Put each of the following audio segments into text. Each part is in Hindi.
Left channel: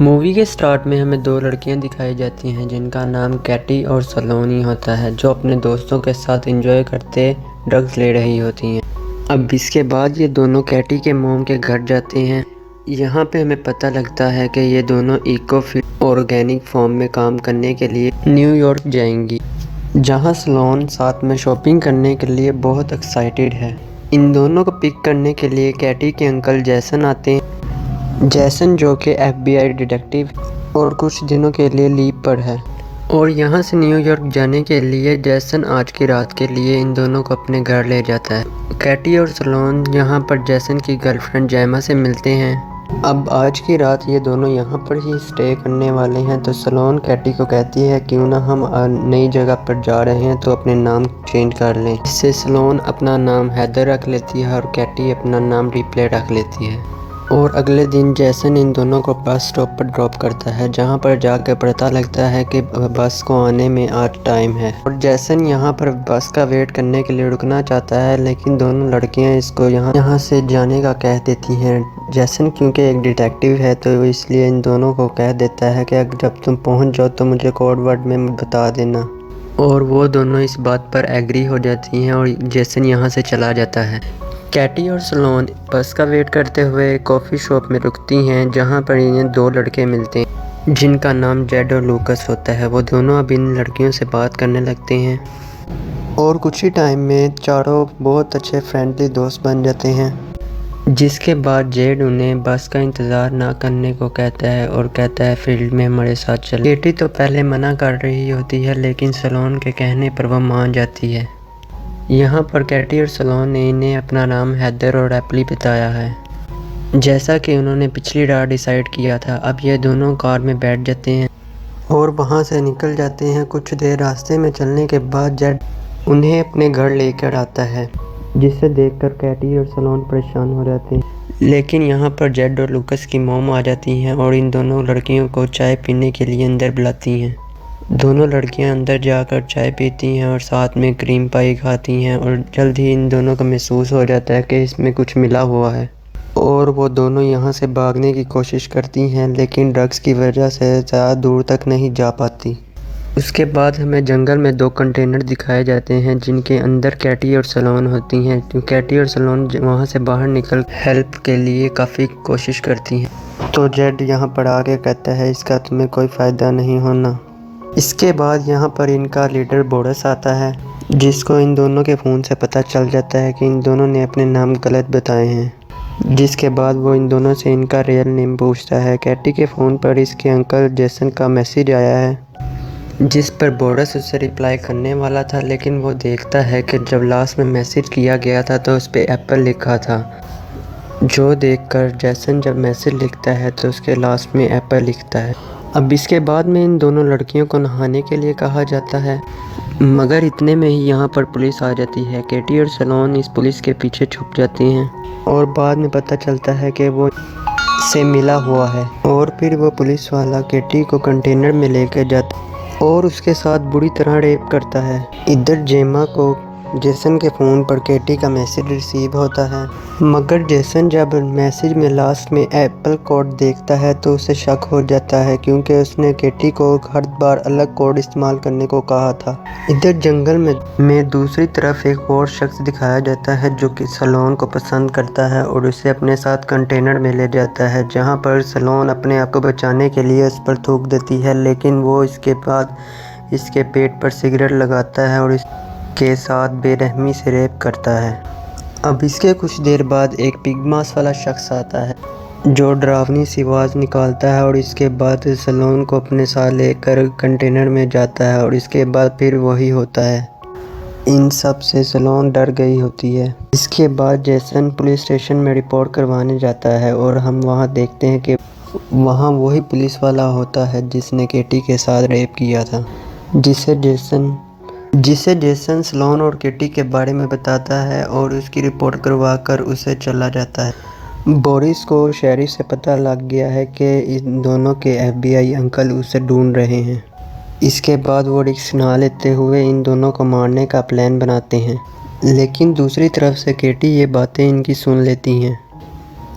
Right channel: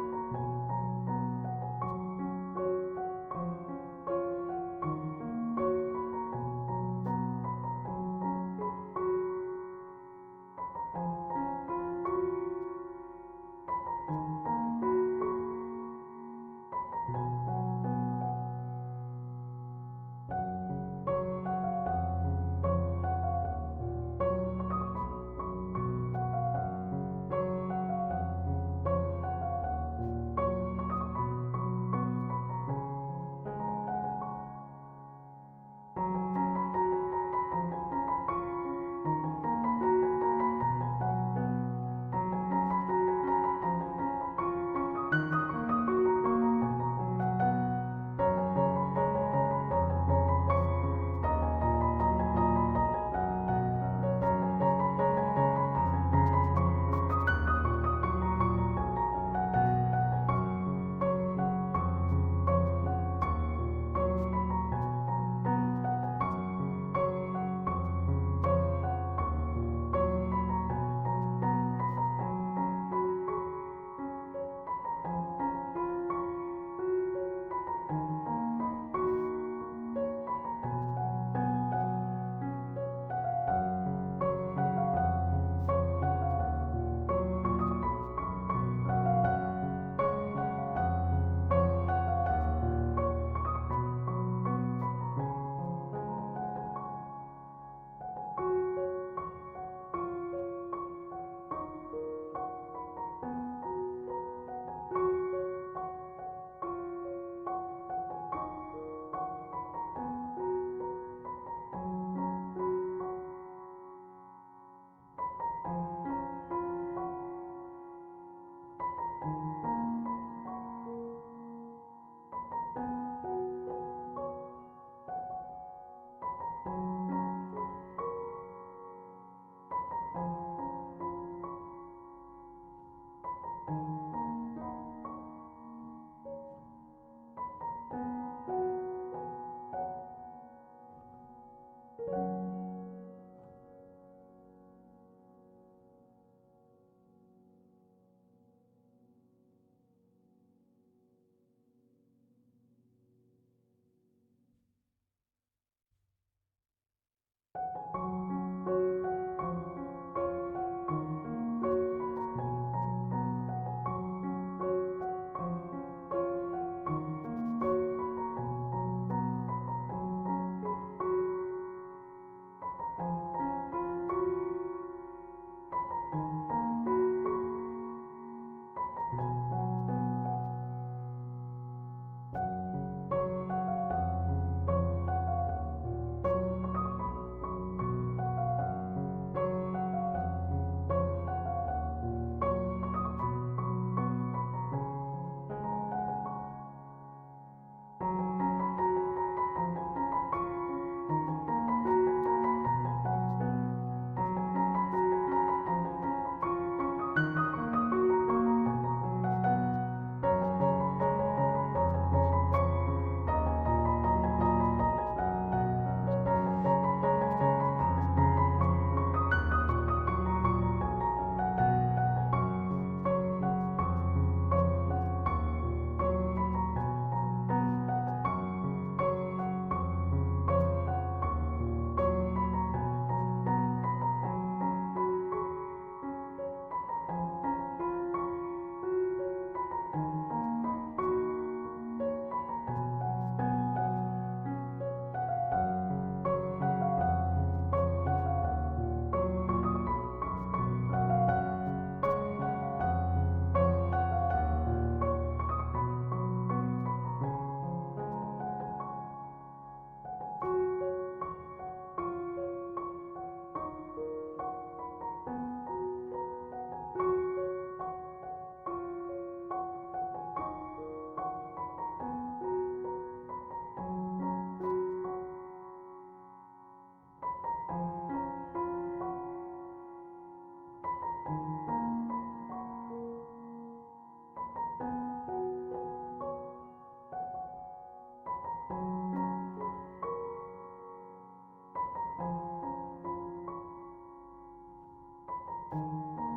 मूवी के स्टार्ट में हमें दो लड़कियां दिखाई जाती हैं जिनका नाम कैटी और सलोनी होता है, जो अपने दोस्तों के साथ एंजॉय करते ड्रग्स ले रही होती हैं। अब इसके बाद ये दोनों कैटी के मोम के घर जाते हैं। यहाँ पे हमें पता लगता है कि ये दोनों इको फिट ऑर्गेनिक फॉर्म में काम करने के लिए न्यूयॉर्क जाएंगी, जहाँ सलोन साथ में शॉपिंग करने के लिए बहुत एक्साइटेड है। इन दोनों को पिक करने के लिए कैटी के अंकल जैसन आते हैं। जैसन जो कि FBI डिटेक्टिव और कुछ दिनों के लिए लीव पर है, और यहाँ से न्यूयॉर्क जाने के लिए जैसन आज की रात के लिए इन दोनों को अपने घर ले जाता है। कैटी और सलोन यहाँ पर जैसन की गर्लफ्रेंड जैमा से मिलते हैं। अब आज की रात ये दोनों यहाँ पर ही स्टे करने वाले हैं, तो सलोन कैटी को कहती है क्यों ना हम नई जगह पर जा रहे हैं तो अपने नाम चेंज कर लें। इससे सलोन अपना नाम हैदर रख लेती है और कैटी अपना नाम रिप्ले रख लेती है। और अगले दिन जैसन इन दोनों को बस स्टॉप पर ड्रॉप करता है, जहां पर जाकर पता लगता है कि बस को आने में आज टाइम है। और जैसन यहां पर बस का वेट करने के लिए रुकना चाहता है, लेकिन दोनों लड़कियां इसको यहां से जाने का कह देती हैं। जैसन क्योंकि एक डिटेक्टिव है तो इसलिए इन दोनों को कह देता है कि जब तुम पहुंच जाओ तो मुझे कोड वर्ड में बता देना। और वो दोनों इस बात पर एग्री हो जाती हैं और जैसन यहाँ से चला जाता है। कैटी और सलोन बस का वेट करते हुए कॉफ़ी शॉप में रुकती हैं, जहां पर इन्हें दो लड़के मिलते हैं जिनका नाम जेड और लूकस होता है। वो दोनों अब इन लड़कियों से बात करने लगते हैं और कुछ ही टाइम में चारों बहुत अच्छे फ्रेंडली दोस्त बन जाते हैं। जिसके बाद जेड उन्हें बस का इंतज़ार ना करने को कहता है और कहता है फील्ड में हमारे साथ चले। कैटी तो पहले मना कर रही होती है, लेकिन सलोन के कहने पर वह मान जाती है। यहाँ पर कैटी और सलोन ने इन्हें अपना नाम हैदर और एप्पली बताया है, जैसा कि उन्होंने पिछली रात डिसाइड किया था। अब ये दोनों कार में बैठ जाते हैं और वहाँ से निकल जाते हैं। कुछ देर रास्ते में चलने के बाद जेड उन्हें अपने घर लेकर आता है, जिसे देखकर कैटी और सलोन परेशान हो जाते हैं। लेकिन यहाँ पर जेड और लूकस की मॉम आ जाती हैं और इन दोनों लड़कियों को चाय पीने के लिए अंदर बुलाती हैं। दोनों लड़कियां अंदर जाकर चाय पीती हैं और साथ में क्रीम पाई खाती हैं, और जल्द ही इन दोनों को महसूस हो जाता है कि इसमें कुछ मिला हुआ है और वो दोनों यहाँ से भागने की कोशिश करती हैं, लेकिन ड्रग्स की वजह से ज़्यादा दूर तक नहीं जा पाती। उसके बाद हमें जंगल में दो कंटेनर दिखाए जाते हैं जिनके अंदर कैटी और सलोन होती हैं। तो कैटी और सलोन वहाँ से बाहर निकल हेल्प के लिए काफ़ी कोशिश करती हैं, तो जेड यहाँ पर आके कहता है इसका तुम्हें कोई फ़ायदा नहीं होना। इसके बाद यहाँ पर इनका लीडर बोरस आता है, जिसको इन दोनों के फ़ोन से पता चल जाता है कि इन दोनों ने अपने नाम गलत बताए हैं। जिसके बाद वो इन दोनों से इनका रियल नेम पूछता है। कैटी के फ़ोन पर इसके अंकल जैसन का मैसेज आया है, जिस पर बोरस उससे रिप्लाई करने वाला था, लेकिन वो देखता है कि जब लास्ट में मैसेज किया गया था तो उस पर एप्पल लिखा था। जो देखकर जैसन जब मैसेज लिखता है तो उसके लास्ट में एप्पल लिखता है। अब इसके बाद में इन दोनों लड़कियों को नहाने के लिए कहा जाता है, मगर इतने में ही यहाँ पर पुलिस आ जाती है। कैटी और सलोन इस पुलिस के पीछे छुप जाती हैं और बाद में पता चलता है कि वो से मिला हुआ है, और फिर वो पुलिस वाला कैटी को कंटेनर में लेकर जाता है और उसके साथ बुरी तरह रेप करता है। इधर जेमा को जैसन के फ़ोन पर कैटी का मैसेज रिसीव होता है, मगर जैसन जब मैसेज में लास्ट में एप्पल कोड देखता है तो उसे शक हो जाता है, क्योंकि उसने कैटी को हर बार अलग कोड इस्तेमाल करने को कहा था। इधर जंगल में दूसरी तरफ एक और शख्स दिखाया जाता है जो कि सलोन को पसंद करता है और उसे अपने साथ कंटेनर में ले जाता है, जहाँ पर सलोन अपने आप को बचाने के लिए उस पर थूक देती है, लेकिन वो इसके बाद इसके पेट पर सिगरेट लगाता है और के साथ बेरहमी से रेप करता है। अब इसके कुछ देर बाद एक पिग मांस वाला शख्स आता है जो डरावनी सी आवाज़ निकालता है और इसके बाद सलोन को अपने साथ लेकर कंटेनर में जाता है, और इसके बाद फिर वही होता है। इन सब से सलोन डर गई होती है। इसके बाद जैसन पुलिस स्टेशन में रिपोर्ट करवाने जाता है और हम वहाँ देखते हैं कि वहाँ वही पुलिस वाला होता है जिसने कैटी के साथ रेप किया था, जिसे जैसन सलोन और कैटी के बारे में बताता है और उसकी रिपोर्ट करवा कर उसे चला जाता है। बोरिस को शेरिफ से पता लग गया है कि इन दोनों के FBI अंकल उसे ढूंढ रहे हैं। इसके बाद वो रिस्क ना लेते हुए इन दोनों को मारने का प्लान बनाते हैं, लेकिन दूसरी तरफ से कैटी ये बातें इनकी सुन लेती हैं।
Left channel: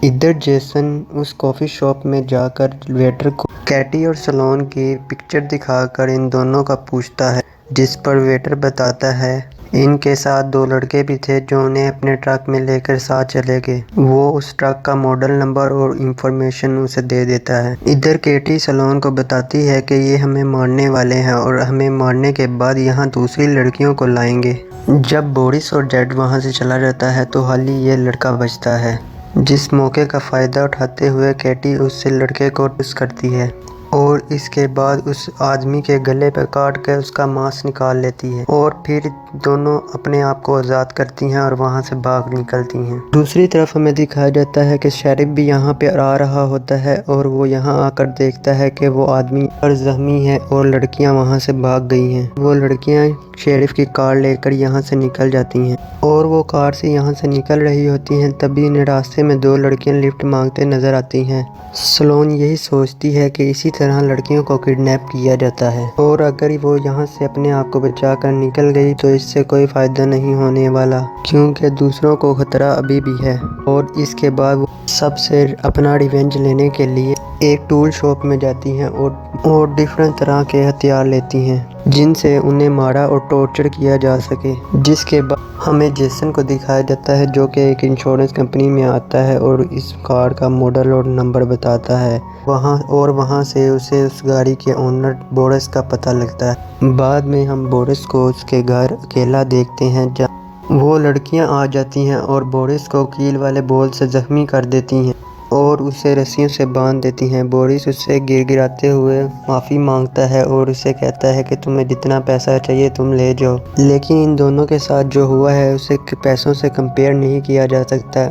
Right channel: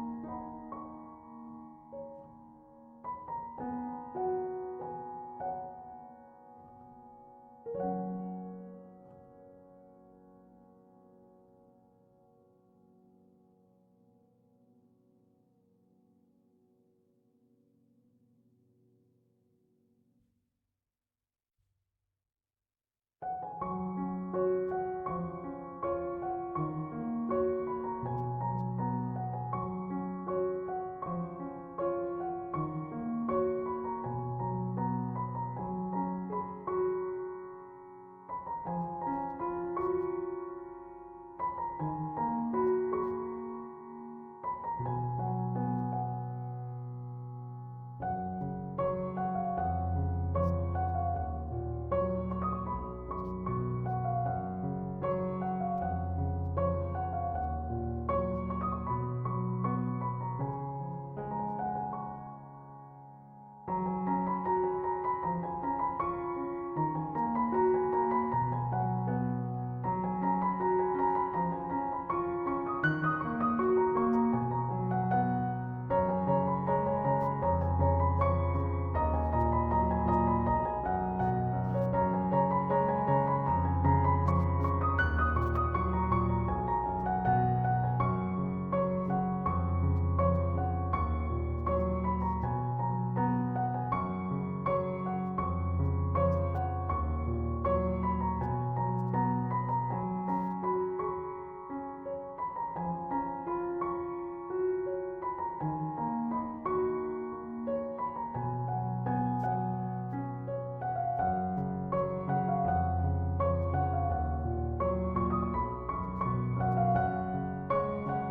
इधर जेसन उस कॉफ़ी शॉप में जाकर वेटर को कैटी और सलोन की पिक्चर दिखाकर इन दोनों का पूछता है, जिस पर वेटर बताता है इनके साथ 2 लड़के भी थे जो उन्हें अपने ट्रक में लेकर साथ चले गए। वो उस ट्रक का मॉडल नंबर और इंफॉर्मेशन उसे दे देता है। इधर केटी सलोन को बताती है कि ये हमें मारने वाले हैं और हमें मारने के बाद यहाँ दूसरी लड़कियों को लाएंगे। जब बोरिस और जेड वहाँ से चला जाता है तो हाली ये लड़का बचता है, जिस मौके का फ़ायदा उठाते हुए केटी उससे लड़के को किस करती है और इसके बाद उस आदमी के गले पर काट कर उसका मांस निकाल लेती है और फिर दोनों अपने आप को आज़ाद करती हैं और वहां से भाग निकलती हैं। दूसरी तरफ हमें दिखाया जाता है कि शेरिफ भी यहाँ पे आ रहा होता है और वो यहाँ आकर देखता है कि वो आदमी और जख्मी है और लड़कियाँ वहाँ से भाग गई हैं। वो लड़कियाँ शेरिफ की कार लेकर यहाँ से निकल जाती हैं और वो कार से यहाँ से निकल रही होती हैं। तभी रास्ते में 2 लड़कियाँ लिफ्ट मांगते नजर आती हैं। सलोन यही सोचती है कि इसी तरह लड़कियों को किडनैप किया जाता है और अगर वो यहाँ से अपने आप को बचाकर निकल गई तो इससे कोई फ़ायदा नहीं होने वाला, क्योंकि दूसरों को खतरा अभी भी है। और इसके बाद वो सबसे अपना रिवेंज लेने के लिए एक टूल शॉप में जाती हैं और डिफरेंट तरह के हथियार लेती हैं जिनसे उन्हें मारा और टॉर्चर किया जा सके। जिसके बाद हमें जेसन को दिखाया जाता है जो कि एक इंश्योरेंस कंपनी में आता है और इस कार का मॉडल और नंबर बताता है वहाँ से उसे उस गाड़ी के ओनर बोरिस का पता लगता है। बाद में हम बोरिस को उसके घर अकेला देखते हैं जहाँ वो लड़कियां आ जाती हैं और बोरिस को कील वाले बॉल से जख्मी कर देती हैं और उसे रस्सियों से बांध देती हैं। बोरिस उससे गिड़गिड़ाते हुए माफ़ी मांगता है और उसे कहता है कि तुम्हें जितना पैसा चाहिए तुम ले जाओ, लेकिन इन दोनों के साथ जो हुआ है उसे पैसों से कंपेयर नहीं किया जा सकता।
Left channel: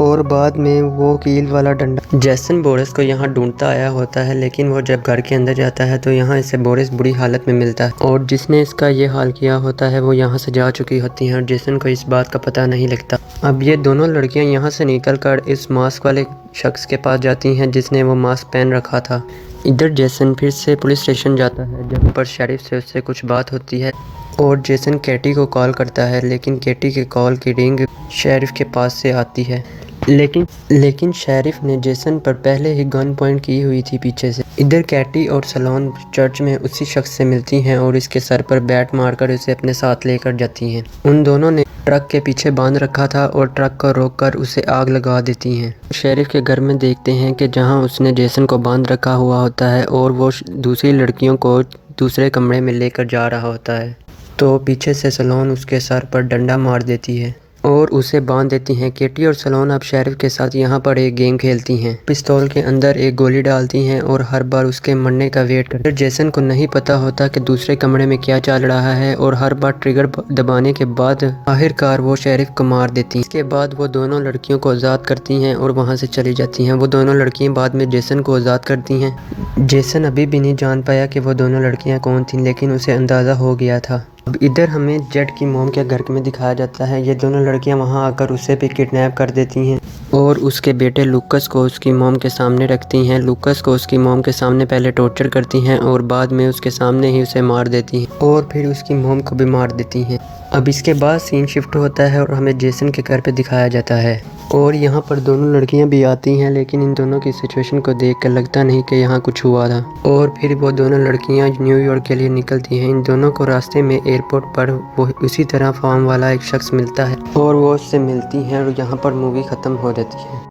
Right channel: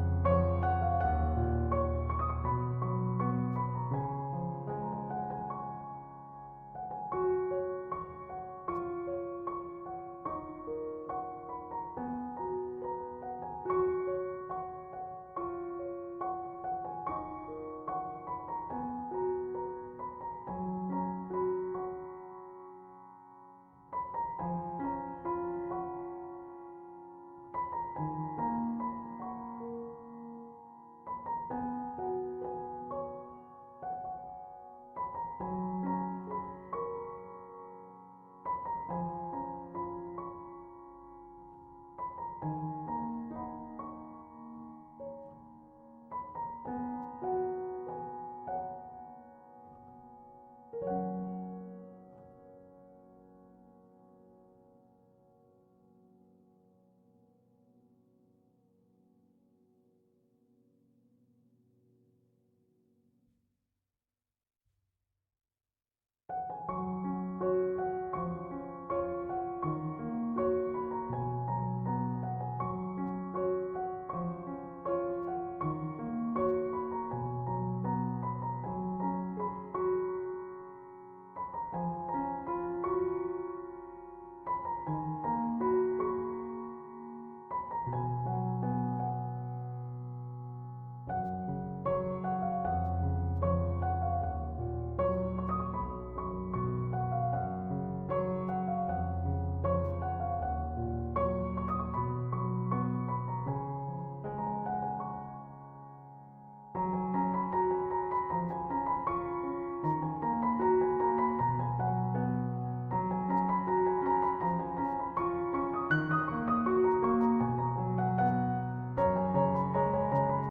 और बाद में वो कील वाला डंडा जेसन बोरिस को यहाँ ढूंढता आया होता है, लेकिन वो जब घर के अंदर जाता है तो यहाँ इसे बोरिस बुरी हालत में मिलता है और जिसने इसका ये हाल किया होता है वो यहाँ से जा चुकी होती हैं और जेसन को इस बात का पता नहीं लगता। अब ये दोनों लड़कियाँ यहाँ से निकलकर इस मास्क वाले शख्स के पास जाती हैं जिसने वो मास्क पहन रखा था। इधर जेसन फिर से पुलिस स्टेशन जाता है जहाँ पर शेरिफ से उससे कुछ बात होती है और जेसन केटी को कॉल करता है, लेकिन केटी के कॉल की रिंग शेरिफ के पास से आती है। लेकिन शेरिफ ने जेसन पर पहले ही गन पॉइंट की हुई थी पीछे से। इधर कैटी और सलोन चर्च में उसी शख्स से मिलती हैं और इसके सर पर बैट मारकर उसे अपने साथ लेकर जाती हैं। उन दोनों ने ट्रक के पीछे बांध रखा था और ट्रक को रोककर उसे आग लगा देती हैं। शेरिफ के घर में देखते हैं कि जहां उसने जेसन को बांध रखा हुआ होता है और वो दूसरी लड़कियों को दूसरे कमरे में लेकर जा रहा होता है, तो पीछे से सलोन उसके सर पर डंडा मार देती है और उसे बांध देती हैं। केटी और सलोन अब शेरिफ के साथ यहाँ पर एक गेम खेलती हैं। पिस्तौल के अंदर एक गोली डालती हैं और हर बार उसके मरने का वेट करते हैं। जेसन को नहीं पता होता कि दूसरे कमरे में क्या चल रहा है और हर बार ट्रिगर दबाने के बाद आखिरकार वो शेरिफ को मार देती हैं। इसके बाद वो दोनों लड़कियों को आज़ाद करती हैं और वहाँ से चली जाती हैं। वो दोनों लड़कियाँ बाद में जेसन को आज़ाद करती हैं। जेसन अभी भी नहीं जान पाया कि वो दोनों लड़कियाँ कौन थीं, लेकिन उसे अंदाज़ा हो गया था। अब इधर हमें जेड की मोम के घर में दिखाया जाता है। ये दोनों लड़कियां वहां आकर उसे भी किडनैप कर देती हैं और उसके बेटे लूकस को उसकी मोम के सामने रखती हैं। लूकस को उसकी मोम के सामने पहले टॉर्चर करती हैं और बाद में उसके सामने ही उसे मार देती हैं और फिर उसकी मोम को भी मार देती हैं। अब इसके बाद सीन शिफ्ट होता है और हमें जेसन के घर पे दिखाया जाता है और यहाँ पर दोनों लड़कियाँ भी आती हैं, लेकिन इन दोनों की सिचुएशन को देख कर लगता नहीं कि यहाँ कुछ हुआ था। और फिर वो दोनों लड़कियाँ न्यूयॉर्क के लिए निकलती हैं। इन दोनों को रास्ते में एयरपोर्ट पर वो उसी तरह फॉर्म वाला एक शख्स मिलता है और वो उससे मिलती हैं और यहाँ पर मूवी ख़त्म हो जाती है।